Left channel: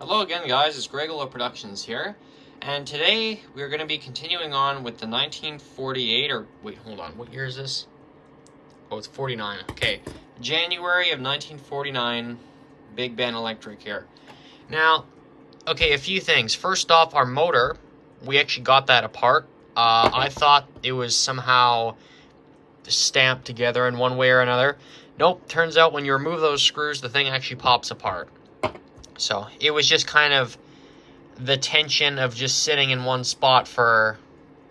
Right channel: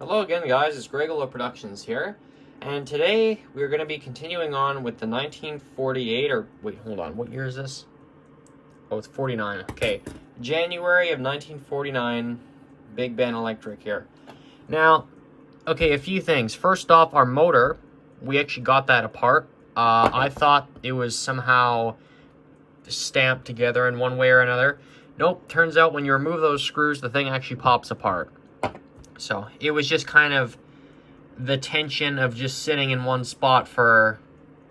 Hello again, guys. It's Gregola Productions here, and today we're going to be continuing on with the 1948, or wait, hold on, what year is this? Oh, it's 49. Okay, January of 1949, Big Ben Electric here. Now, okay, a few things. First off, our motor, we actually got that apart. I thought it was somehow stamped together in one way or another. Nope, turns out when you remove those screws, the thing actually pops apart. So it was just kind of the tension of just sitting in one spot for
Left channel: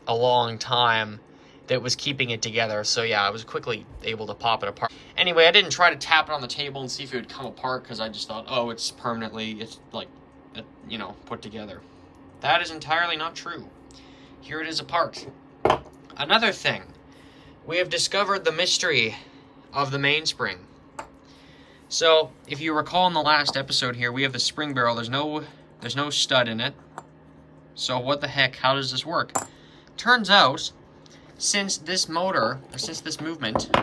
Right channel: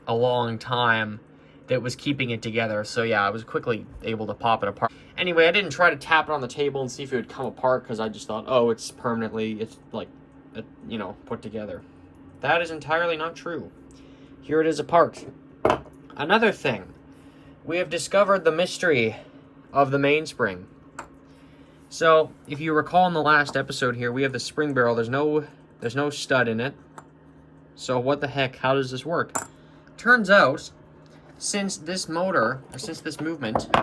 a long time that was keeping it together. So yeah, I was quickly able to pop it apart. Anyway, I didn't try to tap it on the table and see if it would come apart because I just thought, oh, it's permanently, it's like, you know, put together. That is entirely not true. Here it is apart. Another thing, we have discovered the mystery of the mainspring. So, if you recall in the last episode here, we have the spring barrel. There's no stud in it. So what the heck, how does this work? Turns out, since this motor, or since this movement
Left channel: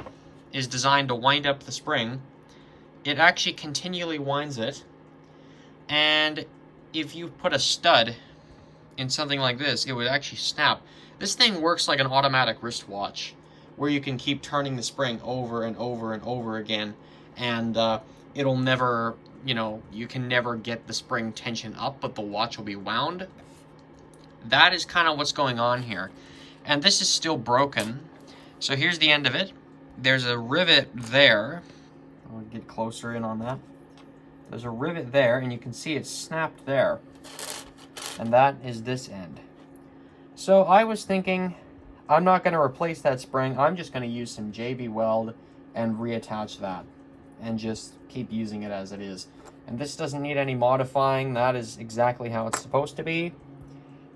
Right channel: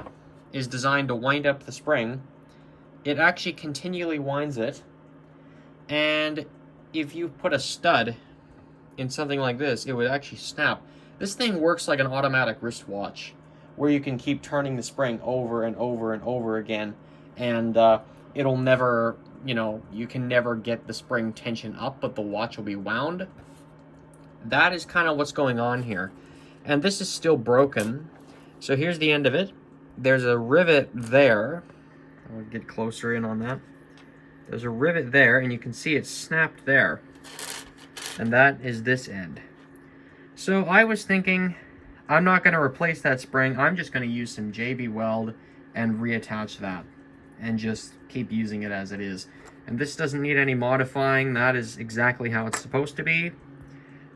is designed to wind up the spring, it actually continually winds it. And if you put a stud in something like this, it would actually snap. This thing works like an automatic wristwatch, where you can keep turning the spring over and over and over again. And it'll never, you know, you can never get the spring tension up, but the watch will be wound. That is kind of what's going on here. And this is still broken. So here's the end of it. There's a rivet there. I'll get closer in on that. There's a rivet there, and you can see it's snapped there. And that is this end. So I was thinking, I'm not going to replace that spring. I'm just going to use some JB Weld and reattach that, and just keep using it as it is. And this doesn't need any modifying. That is exactly how it's supposed to be.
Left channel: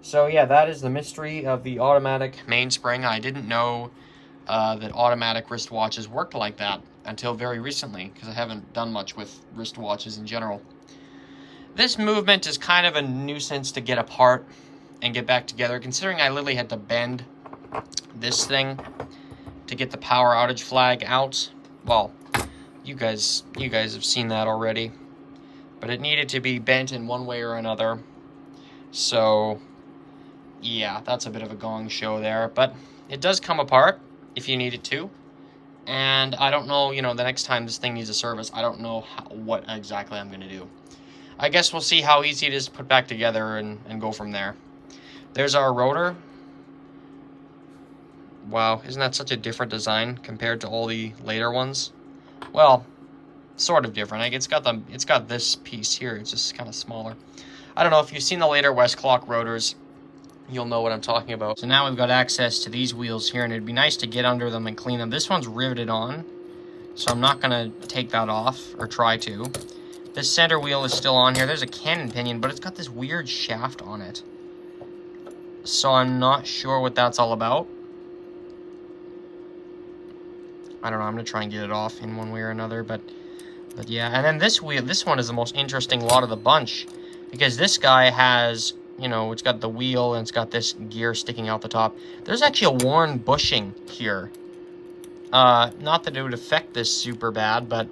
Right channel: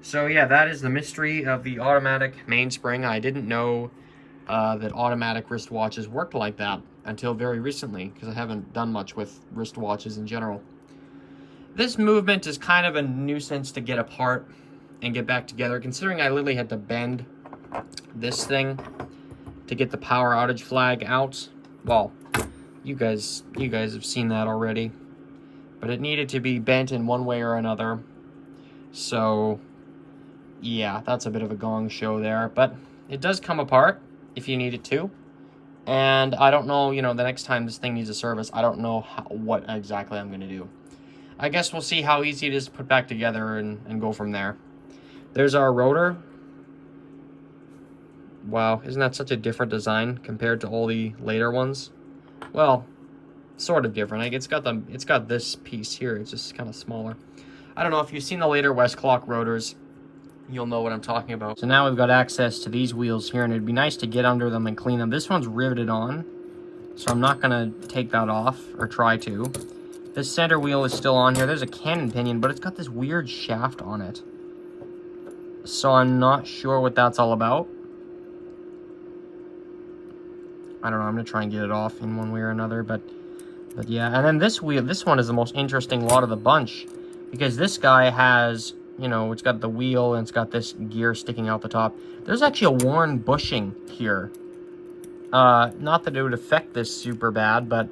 So yeah, that is the mystery of the automatic mainspring. I didn't know that automatic wristwatches worked like that until very recently, because I haven't done much with wristwatches in general. This movement is kind of a nuisance to get apart and get back together, considering I literally had to bend this thing to get the power outage flag out. Well, you guys have seen that already, but it needed to be bent in one way or another. So yeah, that's a bit of a gong show there, but it does come apart if you need it to. And I don't know, you know, the next time this thing needs a service, I don't know what exactly I'm going to do. I guess we'll see how easy it is to put back together and go from there. There's our rotor. Wow, isn't that such a different design compared to all the later ones? Well, sort of different. Like it's got this piece here. It's just kind of smaller. I don't know if you've seen the later Westclox rotors, you'll know what I'm talking about. So now we've got access to these wheels here, and it'd be nice to get under them and clean them. This one's riveted on, so I'm not gonna take that off or try to. This center wheel is still on here. There's a cannon pinion, but it's got this weird shaft on it. So I'm not sure what that's all about. I don't know, I'm gonna try and get it off in one way or another, but yeah. And then this wheel, this one is the most interesting lot of the bunch, because this guy has, you know, it's got the wheel and it's got this gear sticking out the top. There's actually a worn bushing here. Not that it would affect this super bad, but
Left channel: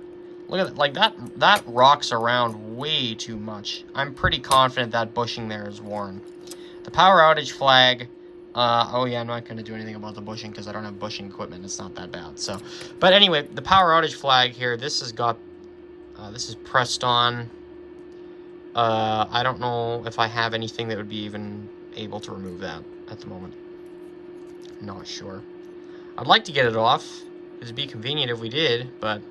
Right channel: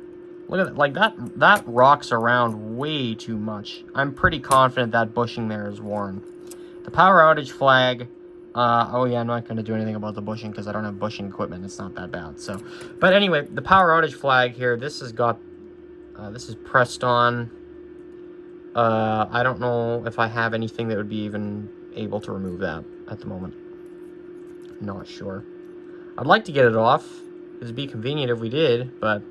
look at it, like that rocks around way too much. I'm pretty confident that bushing there is worn. The power outage flag, oh yeah, I'm not going to do anything about the bushing because I don't have bushing equipment. It's not that bad. So, but anyway, the power outage flag here, this has got, this is pressed on. I don't know if I have anything that would be even able to remove that at the moment. Not sure. I'd like to get it off. It'd be convenient if we did, but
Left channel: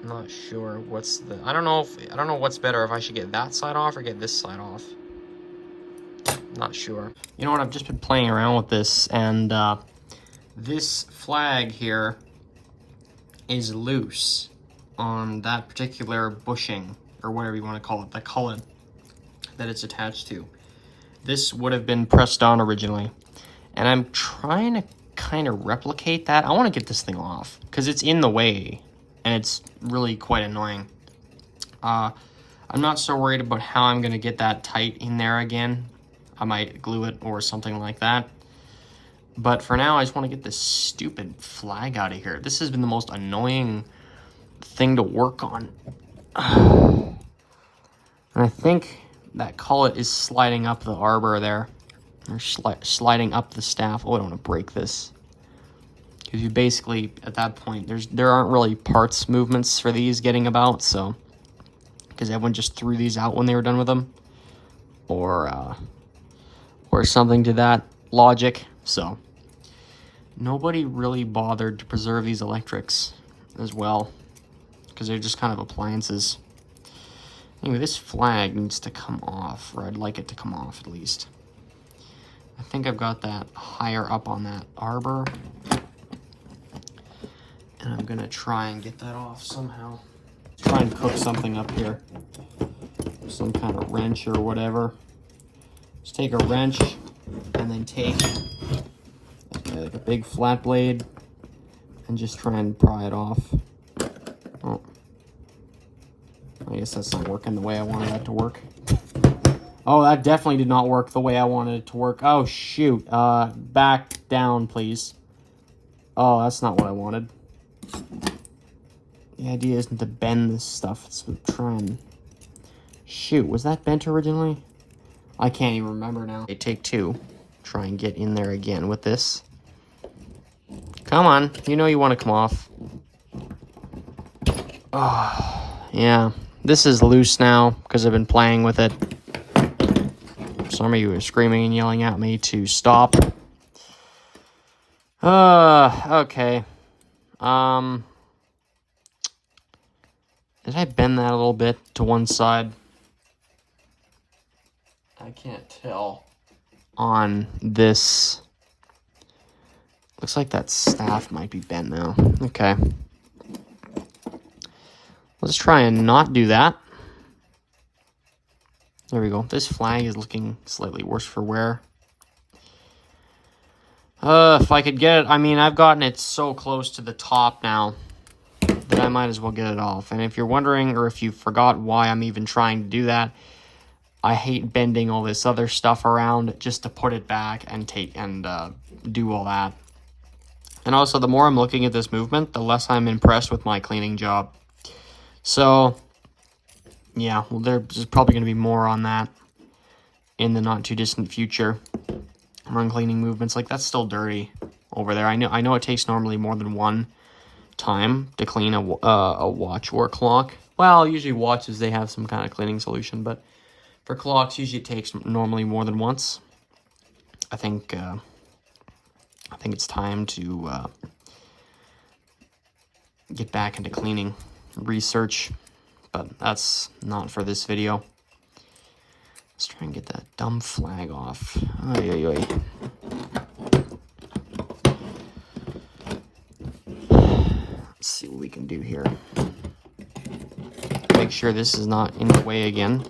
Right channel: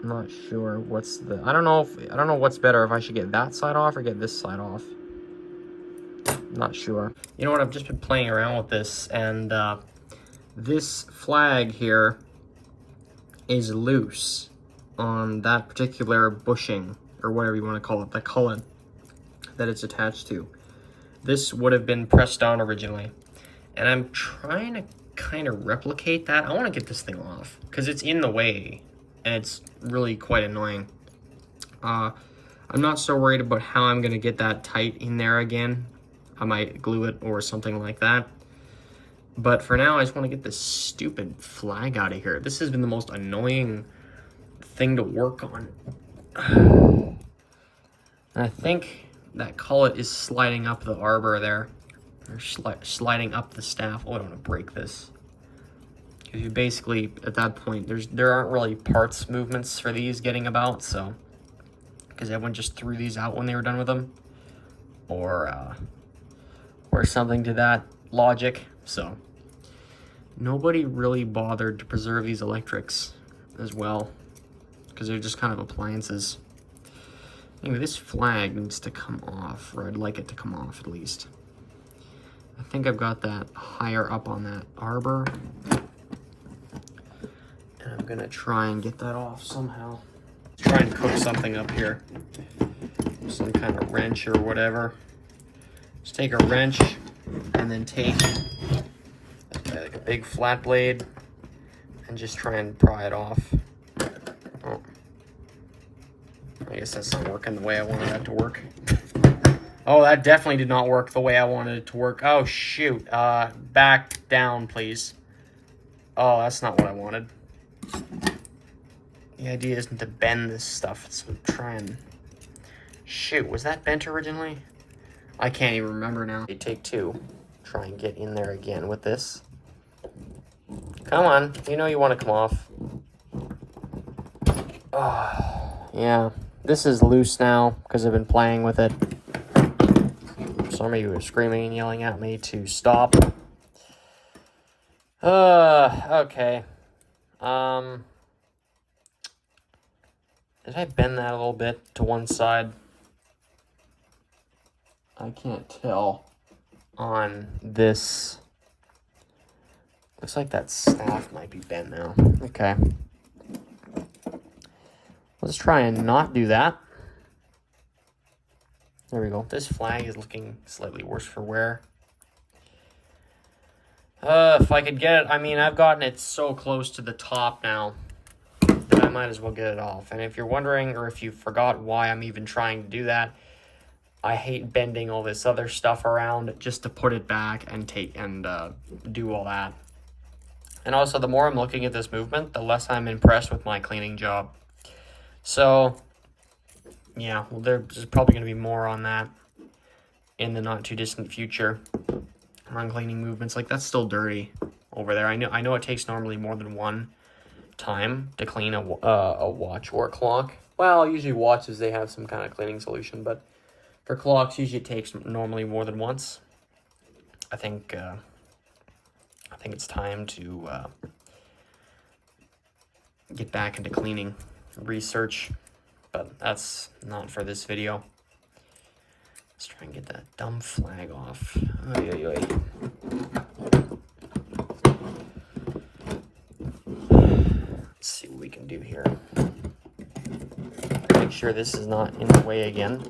I'm not sure what's the, I don't know what's better, if I should get that side off or get this side off. Not sure. You know what, I've just been playing around with this, and this flag here is loose on that particular bushing, or whatever you want to call it, the cullet that it's attached to. This would have been pressed on originally, and I'm trying to kind of replicate that. I want to get this thing off because it's in the way, and it's really quite annoying. I'm not so worried about how I'm going to get that tight in there again. I might glue it or something like that. But for now, I just want to get this stupid flag out of here. This has been the most annoying thing to work on. And I think that cullet is sliding up the arbor there. Or sliding up the staff. Oh, I don't want to break this. Because you basically, at that point, there aren't really parts movements for these getting about, so. Because everyone just threw these out when they were done with them. Or something to that logic. So, nobody really bothered to preserve these electrics as well. Because they're just kind of appliances. Anyway, this flag needs to come off, or I'd like it to come off at least. I think I've got that higher up on that arbor. And I'm gonna try and get that off somehow. Try and cook something up here. Some kind of wrench or whatever. Just take a wrench and then take like a big flat blade and just try and pry it off. Oh. I guess that's not working the way I wanted that to work. Oh, that definitely did not work the way I wanted it to work. Oh, shoot. Back down, please. Oh, that's not what I wanted. The idea isn't to bend this stuff. It's to try and... Shoot, was that bent originally? I can't even remember now. Okay, take two. Try and get in there again with this. Come on. You know you want to come off. Oh, yeah. This is loose now because I've been playing with it. Some of you are screaming and yelling at me to stop. Okay. Did I bend that a little bit to one side? I can't tell on this. Looks like that staff might be bent now. Okay. Let's try and not do that. There we go. This flag is looking slightly worse for wear. If I could get it, I mean, I've gotten it so close to the top now that I might as well get it off. And if you're wondering, or if you forgot why I'm even trying to do that, I hate bending all this other stuff around just to put it back and do all that. And also, the more I'm looking at this movement, the less I'm impressed with my cleaning job. So, yeah, well, there's probably going to be more on that in the not too distant future. Run cleaning movements, like that's still dirty over there. I know it takes normally more than one time to clean a watch or a clock. Well, usually watches, they have some kind of cleaning solution, but for clocks, usually it takes normally more than once. I think it's time to get back into cleaning research, but that's not for this video. Let's try and get that dumb flag off. Oy, oy, oy. Let's see what we can do here. Make sure this is not in the way again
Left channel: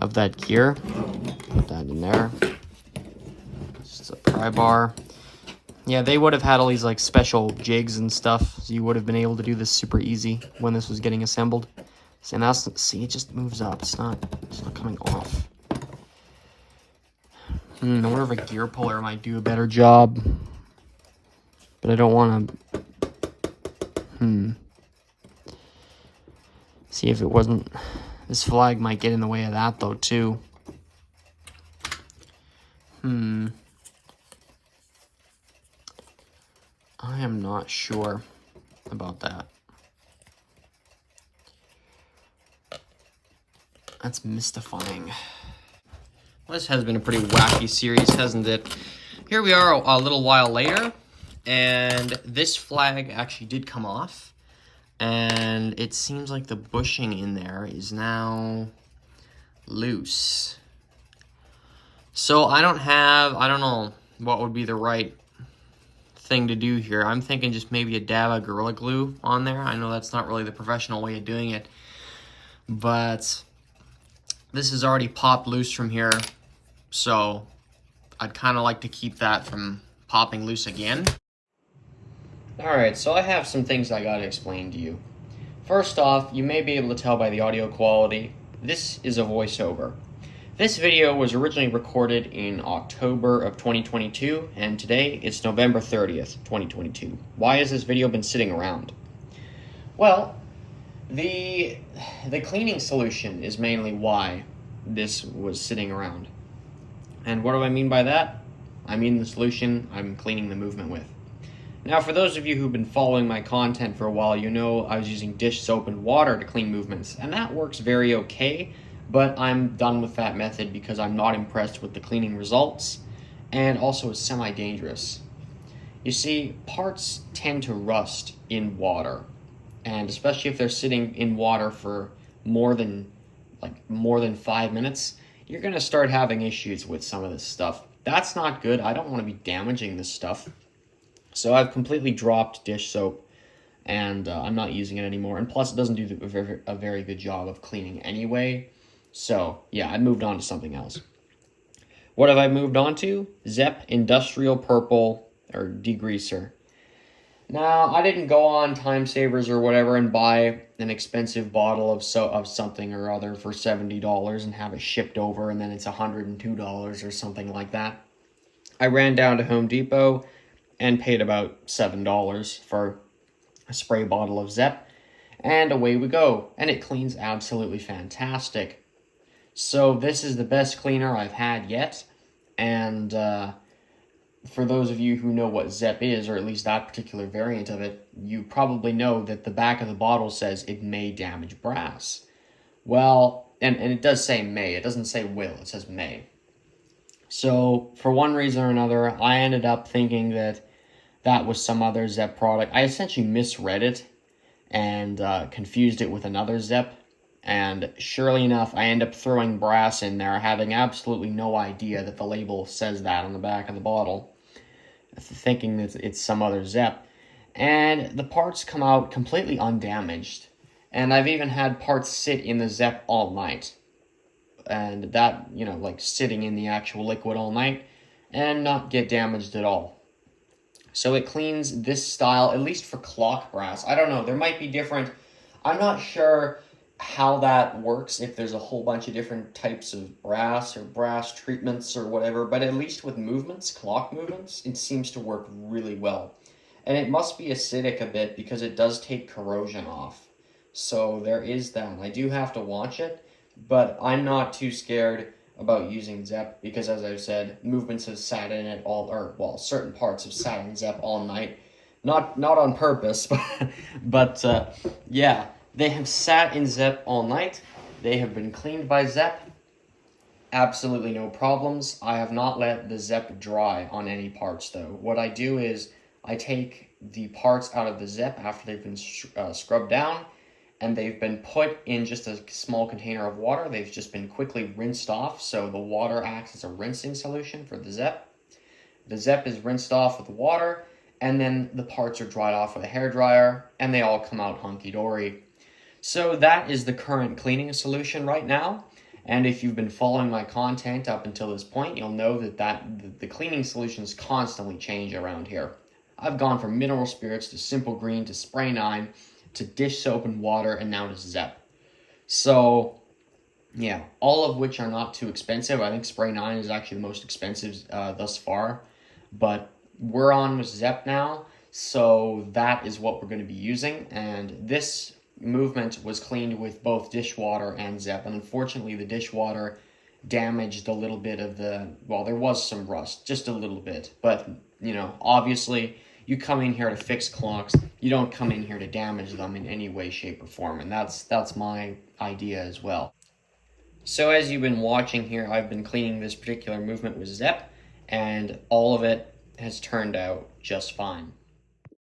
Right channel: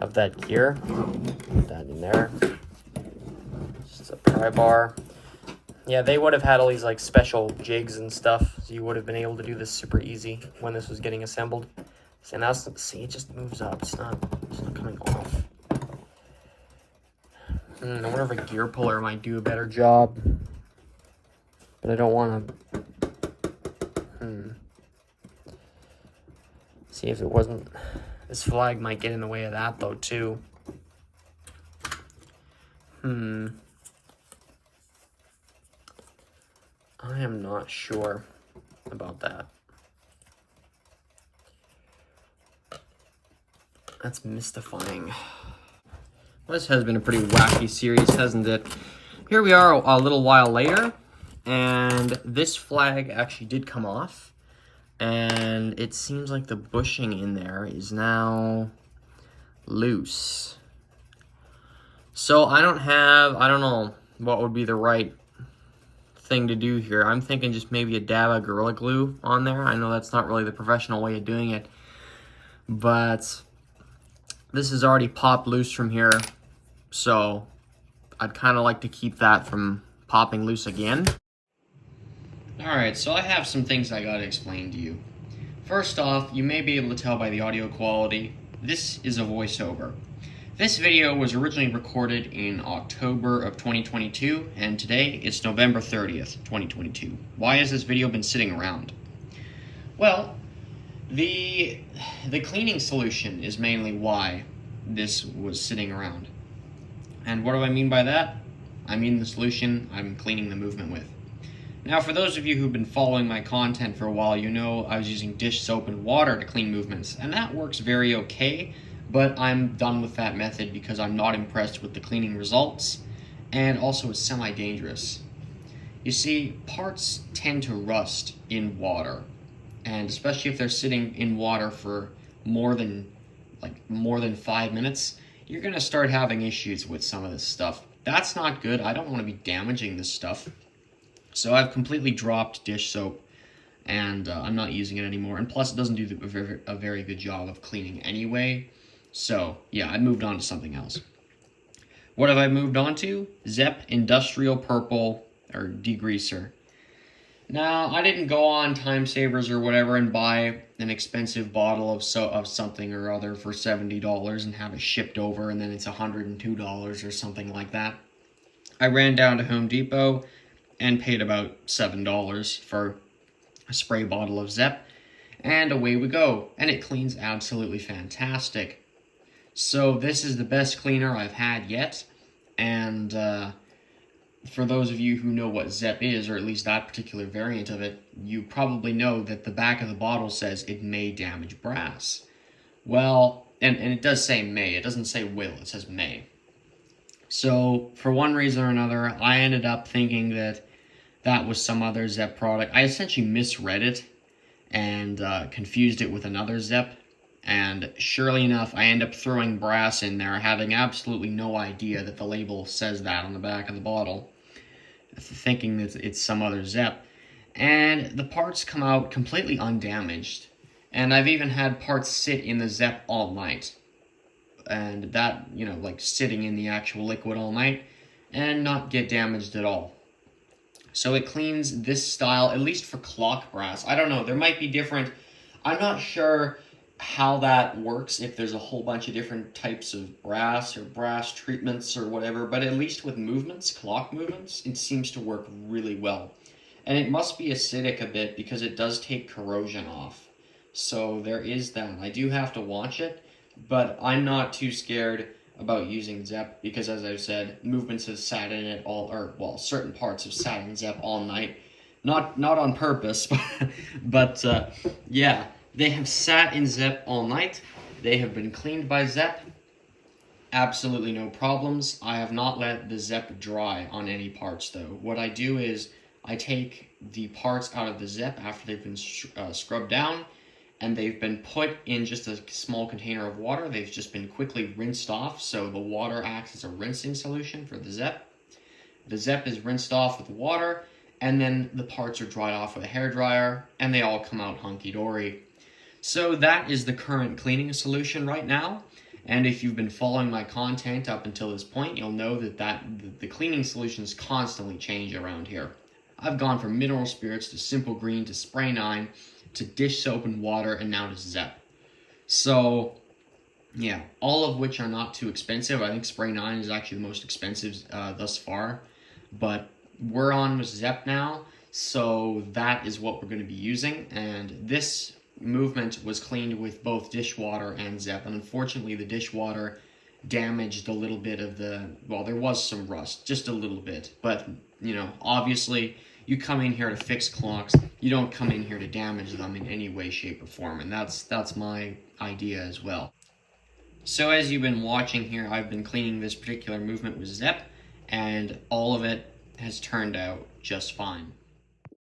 of that gear. Put that in there. Just a pry bar. Yeah, they would have had all these like special jigs and stuff, so you would have been able to do this super easy when this was getting assembled. And that's, see, it just moves up. It's not coming off. I wonder if a gear puller might do a better job. But I don't want to... See if it wasn't... This flag might get in the way of that, though, too. I am not sure about that. That's mystifying. Well, this has been a pretty wacky series, hasn't it? Here we are a little while later, and this flag actually did come off. And it seems like the bushing in there is now loose. So I don't know what would be the right thing to do here. I'm thinking just maybe a dab of Gorilla Glue on there. I know that's not really the professional way of doing it, but this is already popped loose from here, so I'd kind of like to keep that from popping loose again. Alright, so I have some things I gotta explain to you. First off, you may be able to tell by the audio quality, this is a voiceover. This video was originally recorded in October of 2022, and today it's November 30th, 2022. Why has this video been sitting around? Well, The cleaning solution is mainly why this was sitting around. And what do I mean by that? I mean the solution I'm cleaning the movement with. Now, for those of you who've been following my content for a while, you know I was using dish soap and water to clean movements, and that works very okay, but I'm done with that method because I'm not impressed with the cleaning results, and also it's semi-dangerous. You see, parts tend to rust in water, and especially if they're sitting in water for more than 5 minutes, you're gonna start having issues with some of this stuff. That's not good. I don't want to be damaging this stuff. So I've completely dropped dish soap, and I'm not using it anymore. And plus, it doesn't do a very good job of cleaning anyway. So yeah, I moved on to something else. What have I moved on to? Zepp Industrial Purple or Degreaser. Now, I didn't go on Time Savers or whatever and buy an expensive bottle of something or other for $70 and have it shipped over, and then it's $102 or something like that. I ran down to Home Depot and paid about $7 for a spray bottle of Zepp, and away we go. And it cleans absolutely fantastic. So this is the best cleaner I've had yet, and for those of you who know what Zepp is, or at least that particular variant of it, you probably know that the back of the bottle says it may damage brass. Well, and it does say may, it doesn't say will, it says may. So, for one reason or another, I ended up thinking that that was some other Zepp product. I essentially misread it and confused it with another Zepp. And surely enough, I end up throwing brass in there, having absolutely no idea that the label says that on the back of the bottle, thinking that it's some other Zepp. And the parts come out completely undamaged. And I've even had parts sit in the Zepp all night. And that, like sitting in the actual liquid all night, and not get damaged at all. So it cleans this style, at least for clock brass. I don't know, there might be different, I'm not sure how that works, if there's a whole bunch of different types of brass or brass treatments or whatever, but at least with movements, clock movements, it seems to work really well. And it must be acidic a bit because it does take corrosion off. So there is that. I do have to watch it, but I'm not too scared about using Zepp because, as I've said, movements have sat in it certain parts have sat in Zepp all night. Not on purpose, but yeah. They have sat in Zepp all night. They have been cleaned by Zepp. Absolutely no problems. I have not let the Zepp dry on any parts, though. What I do is I take the parts out of the Zepp after they've been scrubbed down, and they've been put in just a small container of water. They've just been quickly rinsed off, so the water acts as a rinsing solution for the Zepp. The Zepp is rinsed off with water, and then the parts are dried off with a hairdryer, and they all come out hunky-dory. So that is the current cleaning solution right now, and if you've been following my content up until this point, you'll know that the cleaning solutions constantly change around here. I've gone from mineral spirits to simple green to spray 9 to dish soap and water, and now to Zepp. So yeah, all of which are not too expensive. I think spray 9 is actually the most expensive thus far, but we're on with Zepp now, so that is what we're going to be using, and this movement was cleaned with both dishwater and Zepp, and unfortunately the dishwater damaged a little bit of there was some rust, just a little bit, but obviously you come in here to fix clocks, you don't come in here to damage them in any way, shape, or form, and that's my idea as well. So as you've been watching here, I've been cleaning this particular movement with Zepp, and all of it has turned out just fine.